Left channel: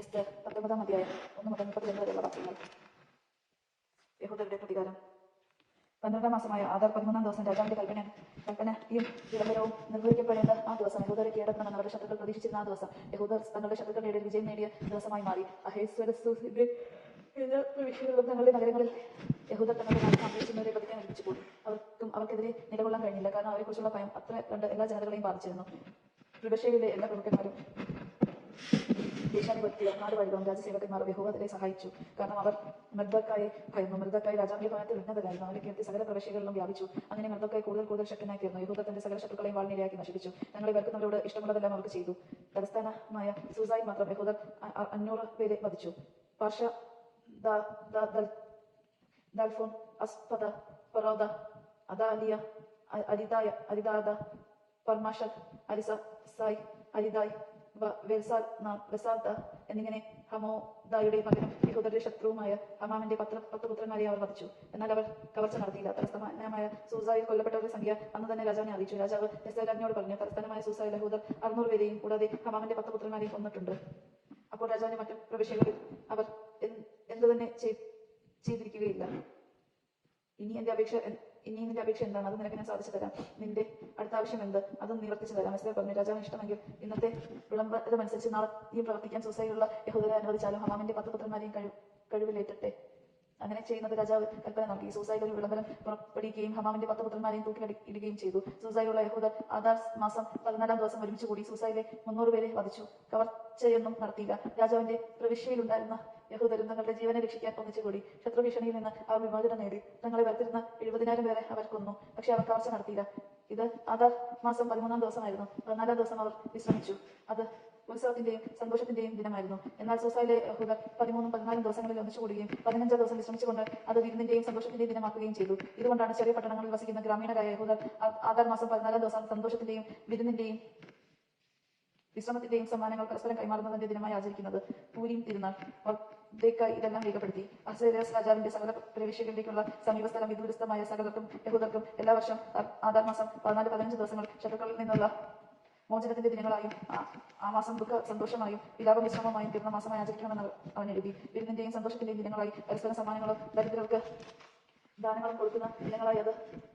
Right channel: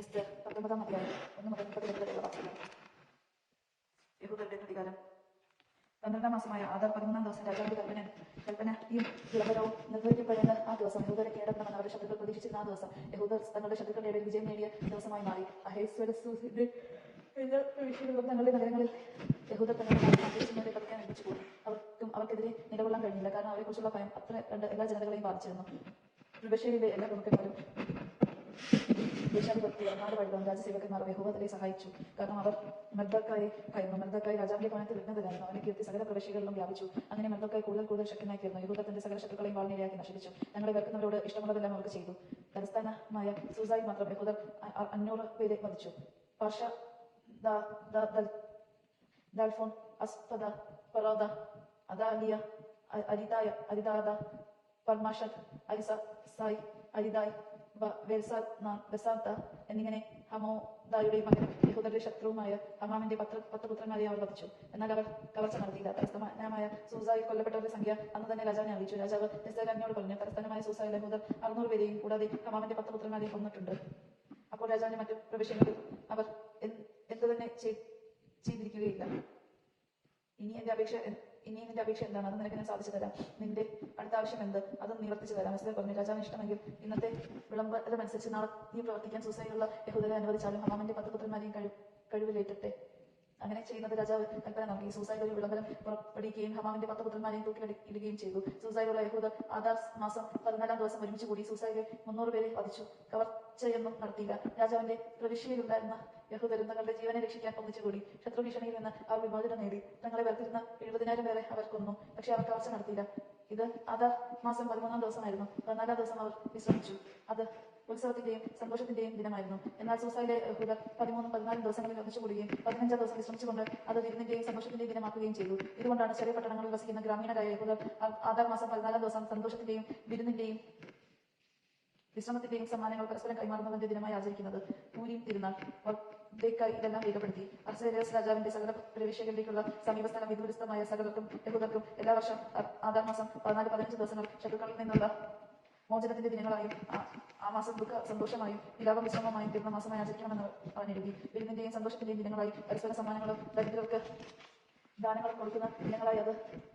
എസ്തർ 19 അധ്യായം 1 മുതൽ 32 വരെയുള്ള വാക്യങ്ങൾ. യഹൂദരുടെ പ്രതികാരം. 12 മാസമായ ആദാർ 13 ദിവസം രാജാവിന്റെ കൽപ്പനയും വിളംബരവും നിർവഹിക്കപ്പെടേണ്ട ആ ദിവസം, യഹൂദരെ കീഴടക്കണമെന്ന് അവരുടെ ശത്രുക്കൾ പ്രതീക്ഷിച്ചിരുന്ന ആ ദിവസം, യഹൂദർ തങ്ങളുടെ ശത്രുക്കളുടെ വിജയം നേടിയ ദിവസമായി മാറി. അഹേസ്വേരോസിന്റെ എല്ലാ പ്രവിശ്യകളിലും തങ്ങളുടെ നഗരങ്ങളിൽ യഹൂദർ തങ്ങളുടെ നാട്ടിൽ ആഗ്രഹിച്ചിരുന്നവരെ വധിക്കാൻ ഏൽപ്പിച്ചു കൂടി. അവർക്കെതിരെ നിലകൊള്ളാൻ കഴിഞ്ഞില്ല, കാരണം അവരെക്കുറിച്ചുള്ള ഭയം അത്ര കണ്ട് എല്ലാ ജനതകളെയും ബാധിച്ചിരുന്നു. പ്രവിശ്യയിലെ എല്ലാ പ്രമുഖന്മാരും ദേശാധിപത്യ നാടുവഴികളും രാജസേവകന്മാരും യഹൂദരെ സഹായിച്ചു, കാരണം അവർ മെർദോക്കായെ ഭയന്നു. മെർദോക്കായി രാജാവിന്റെ ഭവനത്തിൽ ഉന്നതനായിരുന്നു. അവന്റെ കീർത്തി സകല പ്രവിശ്യകളിലും വ്യാപിച്ചു. അങ്ങനെ മെർദോക്കായി കൂടുതൽ ശക്തനായി തീർന്നു. യഹൂദർ തന്റെ സകല ശത്രുക്കളെയും വാൾനിരയാക്കി നശിപ്പിച്ചു. തങ്ങളെ വെറുക്കുന്നവരോട് ഇഷ്ടമുള്ളതെല്ലാം അവർക്ക് ചെയ്തു. തലസ്ഥാനമായ സൂസായിൽ മാത്രം യഹൂദർ 500 പേരെ വധിച്ചു. പാർഷ, ദാൽഫോൺ, അസ്പദ, ഫറോദ, അദാലിയ, അരിദാദ, പർമാഷൽ, അരിസായി, അരിദായ്, വെസാദ എന്നിങ്ങനെ ഹമോദായുടെ മകനും യഹൂദരുടെ ശത്രുവുമായ ഹമാമിന്റെ 10 പുത്രന്മാരെ അവർ വധിച്ചു. എന്നാൽ അവർ കവർച്ച നടത്തിയില്ല. തലസ്ഥാനമായ സൂസായിൽ കൊല്ലപ്പെട്ടവരുടെ സംഖ്യ അന്ന് തന്നെ രാജാവിനെ അറിയിച്ചു. രാജാവ് എസ്തേർ രാജ്ഞിയോട് പറഞ്ഞു, തലസ്ഥാനമായ സൂസായിൽ യഹൂദർ 600 പേരെയും കൂടാതെ ഹമാമിന്റെ 10 പുത്രന്മാരെയും കൊന്നിട്ടുണ്ട്. അപ്പോൾ രാജാവിന്റെ മറ്റു പ്രവിശ്യകളിൽ അവർ എന്തുതന്നെ ചെയ്തിരിക്കുകയില്ല. ഇനി എന്റെ അപേക്ഷ എന്താണ്? അത് നിനക്ക് ഞാൻ സാധിച്ചു തരാം. നിന്റെ അടുത്ത ആവശ്യം എന്ത്? അതും നിവർത്തിച്ചു തരാം. എസ്തേർ പറഞ്ഞു, രാജാവിന് ഇഷ്ടമെങ്കിൽ ഇന്നത്തെ വിളംബരമനുസരിച്ച് നാളെ നീ പ്രവർത്തിക്കാൻ സൂസായിലുള്ള യഹൂദരെ അനുവദിച്ചാലും ഹമാമിന്റെ 10 പുത്രന്മാരെയും കഴിവിലേറ്റട്ടെ. അങ്ങനെ ചെയ്യുന്നത് രാജാവ് കൽപ്പന നൽകി. സൂസായിൽ ഒരു വിളംബരം പുറപ്പെടുവിക്കുകയും ഹമാമിന്റെ 10 പുത്രന്മാരെയും തൂക്കിലിടുകയും ചെയ്തു. സൂസായിലുള്ള യഹൂദർ ആദാർ മാസം 14 ദിവസം ഒരുമിച്ച് കൂടി സൂസായിലെ 300 പേരെ വധിച്ചു. കവർച്ചയൊന്നും നടത്തിയില്ല. രാജാവിന്റെ പ്രവിശ്യയിലുണ്ടായിരുന്ന യഹൂദരും തങ്ങളുടെ ജീവനെ രക്ഷിക്കാൻ ഒന്നിച്ചുകൂടി. ശത്രുഭീഷണിയിൽ നിന്ന് അവർ വിമോചനം നേടി. തങ്ങളെ വെറുത്തിരുന്ന 70,000 പേരെ അവർ കൊന്നു. പക്ഷെ അവർ കവർച്ച നടത്തിയില്ല. ഇത് ആദാർ മാസം 13 ദിവസമായിരുന്നു. 14 ദിവസം അവർ വിശ്രമിച്ചു. അത് ഉത്സവത്തിന്റെയും സന്തോഷത്തിന്റെയും ദിനമായിരുന്നു. എന്നാൽ സൂസായിലെ യഹൂദർ 13, 14 ദിവസങ്ങളിൽ ഒന്നിച്ചുകൂടുകയും 15 ദിവസം വിശ്രമിച്ചുകൊണ്ട് അത് വിരുന്നിന്റെയും സന്തോഷത്തിന്റെയും ദിനമാക്കുകയും ചെയ്തു. ഇതുകൊണ്ടാണ് ചെറിയ പട്ടണങ്ങളിൽ വസിക്കുന്ന ഗ്രാമീണരായ യഹൂദർ ആദാർ മാസം 14 ദിവസം സന്തോഷത്തിന്റെയും വിരുന്നിന്റെയും വിശ്രമത്തിന്റെയും സമ്മാനങ്ങൾ പരസ്പരം കൈമാറുന്നതിന്റെ ദിനമായി ആചരിക്കുന്നത്. പൂരീം തിരുനാൾ. ഇതെല്ലാം രേഖപ്പെടുത്തി. അഹസ്വേരോസ് രാജാവിന്റെ സകല പ്രവിശ്യകളിലേക്കുള്ള സമീപസ്ഥലം വിദൂരസ്ഥമായ സകലർക്കും യഹൂദർക്കും എല്ലാ വർഷം ആദാർ മാസം 14-15 ദിവസങ്ങൾ ശത്രുക്കളിൽ നിന്നുള്ള മോചനത്തിന്റെ ദിനങ്ങളായും ആ മാസം ദുഃഖ സന്തോഷമായും വിലാപം വിശ്രമമായും തീർന്ന മാസമായി ആചരിക്കണമെന്ന് അവൻ എഴുതി. വിരുന്നിന്റെയും സന്തോഷത്തിന്റെയും ദിനങ്ങളായി പരസ്പരം സമ്മാനങ്ങളും ദരിദ്രർക്ക് ദാനങ്ങളും കൊടുക്കുന്ന ദിനങ്ങളായി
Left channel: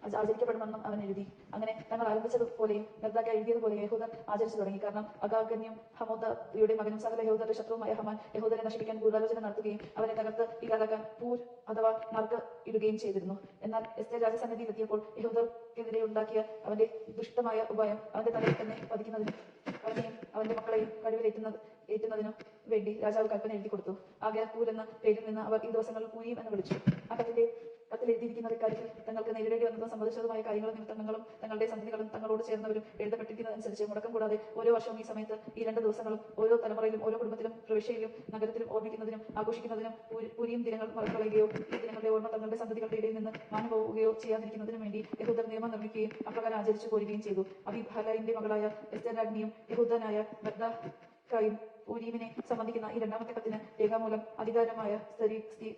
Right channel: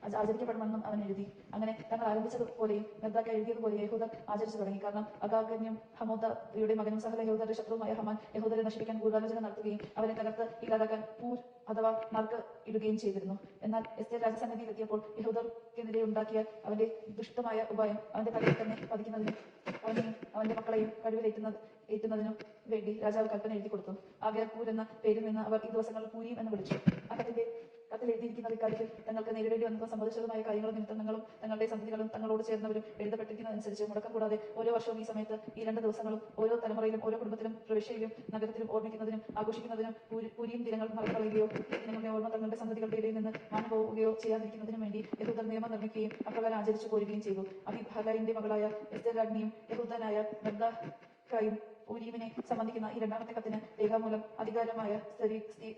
അത് ആചരിക്കപ്പെടുമെന്നും അവൻ എഴുതി. അങ്ങനെ തങ്ങൾ ആരംഭിച്ചതുപോലെയും മെർദോക്ക എഴുതിയതുപോലെ യഹൂദർ ആചരിച്ചു തുടങ്ങി. കാരണം അഗാഗന്യം ഹമോദയുടെ മകനും സകല യഹൂദരുടെ ശത്രുവുമായ ഹമാൻ യഹൂദരെ നശിപ്പിക്കാൻ ഗൂഢാലോചന നടത്തുകയും അവരെ തകർത്ത് ഇല്ലാതാക്കാൻ പൂർ അഥവാ നറുക്ക് ഇടുകയും ചെയ്തിരുന്നു. എന്നാൽ എസ്തേർ രാജസന്നിധിയിൽ എത്തിയപ്പോൾ യഹൂദർക്കെതിരെ ഉണ്ടാക്കിയ അവന്റെ ദുഷ്ടമായ ഉപായം അവന്റെ തലയിൽ തന്നെ പതിക്കുന്നതിനും അവനെയും അവന്റെ മക്കളെയും കഴിവിലേറ്റുന്നതിനും വേണ്ടി രാജാവ് കൽപ്പന എഴുതി കൊടുത്തു. ആകയാൽ പൂർ എന്ന പേരിൽ നിന്ന് അവർ ഈ ദിവസങ്ങളിൽ പൂരീം എന്ന് വിളിച്ചു. ആ കത്തിൽ എഴുതിയിരിക്കുന്നത് ഇക്കാര്യത്തിൽ തങ്ങൾക്ക് നേരിടേണ്ടി വന്നതും സംഭവിച്ചതുമായ കാര്യങ്ങൾ നിമിത്തം തങ്ങളും തങ്ങളുടെ സന്തതികളും തങ്ങളോട് ചേർന്നവരും എഴുതപ്പെട്ടിരിക്കുന്നതനുസരിച്ച് മുടക്കം കൂടാതെ ഓരോ വർഷവും ഈ സമയത്ത് ഈ 2 ദിവസങ്ങളും ഓരോ തലമുറയിലും ഓരോ കുടുംബത്തിലും പ്രവിശ്യയിലും നഗരത്തിലും ഓർമ്മിക്കുന്നതിനും ആഘോഷിക്കുന്നതിനും പൂരീം ദിനങ്ങൾ മറന്നുകളയുകയോ ഈ ദിനങ്ങളുടെ ഓർമ്മ തങ്ങളുടെ സന്തതികളുടെ ഇടയിൽ നിന്ന് മാഞ്ഞു പോവുകയോ ചെയ്യാതിരിക്കുന്നതിനും വേണ്ടി യഹൂദർ നിയമം നിർമ്മിക്കുകയും അപ്രകാരം ആചരിച്ചു പോരുകയും ചെയ്തു. അബിഹയലിന്റെ മകളായ എസ്തേർ രാജ്ഞിയും യഹൂദനായ മെർദോക്കായും പൂരീമിനെ സംബന്ധിക്കുന്ന ഈ 2ാമത്തെ കത്തിന് രേഖാമൂലം അധികാരമായ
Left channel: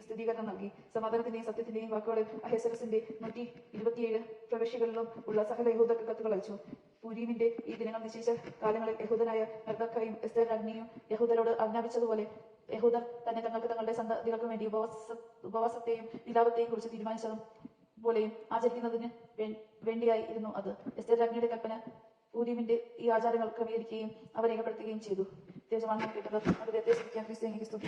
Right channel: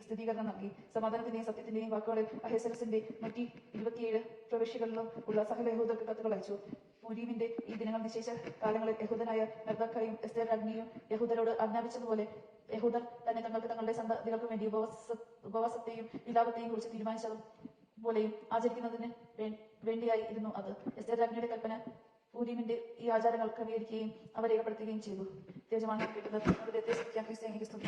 സ്ഥിരീകരണം നൽകി. സമാധാനത്തിന്റെയും സത്യത്തിന്റെയും വാക്കോടെ അഹസ്വേരോസിന്റെ 127 പ്രവിശ്യകളിലും ഉള്ള സകല യഹൂദർക്ക് കത്തുകൾ അയച്ചു. പൂരീമിന്റെ ഈ ദിനങ്ങൾ നിശ്ചയിച്ച കാലങ്ങളിൽ യഹൂദനായ മെർദോക്കായും എസ്തേർ രാജ്ഞിയും യഹൂദരോട് ആജ്ഞാപിച്ചതുപോലെ യഹൂദർ തന്നെ തങ്ങളുടെ സന്തതികൾക്കും വേണ്ടി ഉപവാസത്തെയും വിലാപത്തെയും കുറിച്ച് തീരുമാനിച്ചതും പോലെയും ആചരിക്കുന്നതിന് വേണ്ടിയായിരുന്നു അത്. എസ്തേർ രാജ്ഞിയുടെ കൽപ്പന പൂരീമിന്റെ ഈ ആചാരങ്ങൾ ക്രമീകരിക്കുകയും അവ രേഖപ്പെടുത്തുകയും ചെയ്തു. ദൈവജനമാണ് കേട്ടത്. അത് വ്യത്യസ്തം.